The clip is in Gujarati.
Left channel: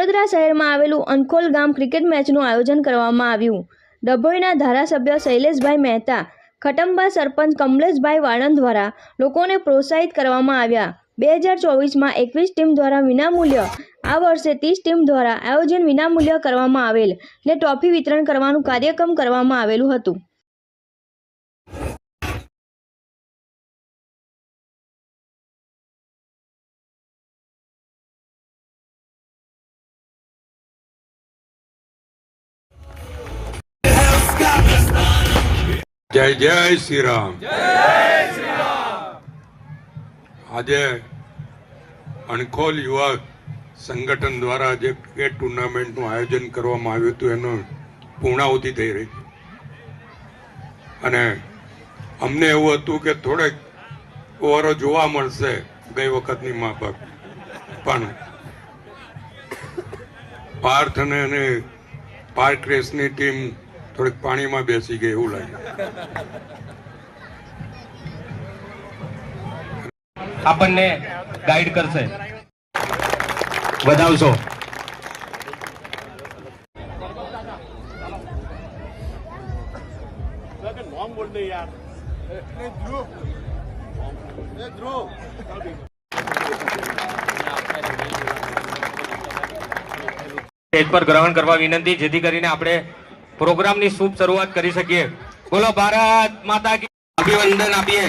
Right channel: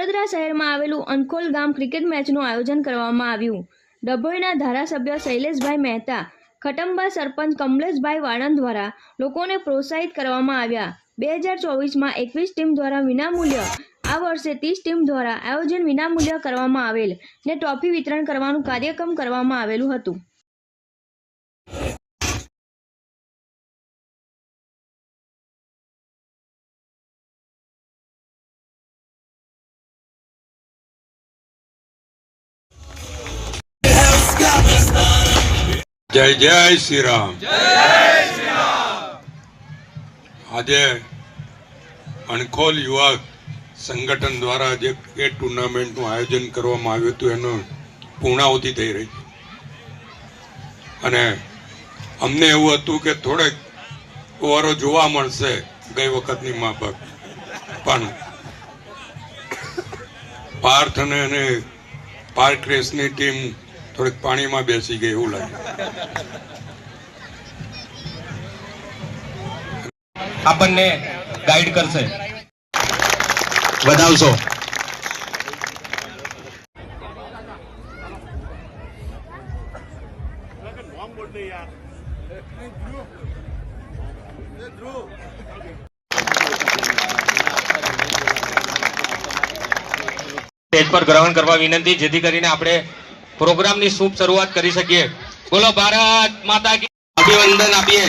વડોદરા શહેરમાં આવેલું અનખોલ ગામ ક્રિકેટ મેચનું આયોજન કરવામાં આવ્યું। ડભોઈના ધારાસભ્ય શૈલેષભાઈ મહેતા, ખટંબા સરપંચ કમલેશભાઈ વાળંદ દ્વારા લોકોને પ્રોત્સાહિત કરવામાં આવ્યા। 2024માં 21 ટીમ દ્વારા વિનામૂલ્ય, આ વર્ષે 30 ટીમ દ્વારા આયોજન વિનામૂલ્ય કરવામાં આવેલ ને ટ્રોફી વિતરણ કરવાનું કાર્યક્રમ કરવામાં આવેલું હતું। जय जय श्री राम। आज अणखोल युवा संगठन द्वारा जे क्रिकेट टूर्नामेंट નું આયોજન કરવામાં આવ્યું હતું એનો પૂર્ણાહુતિ થઈ રહી અને અમને એવું હતું કે થોડેક ઓવરો જોવા મળશે ગઈ વખતની માફક, પણ પાર્થ અને પાર્ક રેસની ટીમ થોડીક પાણીમાં બેસી ગઈ એવું લાગે। આપણને ગાઈડ કરશે, વધાવશો। સ્ટેજ પર ગ્રહણ કરવા વિનંતી, જેથી કરીને આપણે પ્રોગ્રામની શુભ શરૂઆત કરી શકીએ। બોલો ભારત માતા કી, અભિનંદન આપીએ।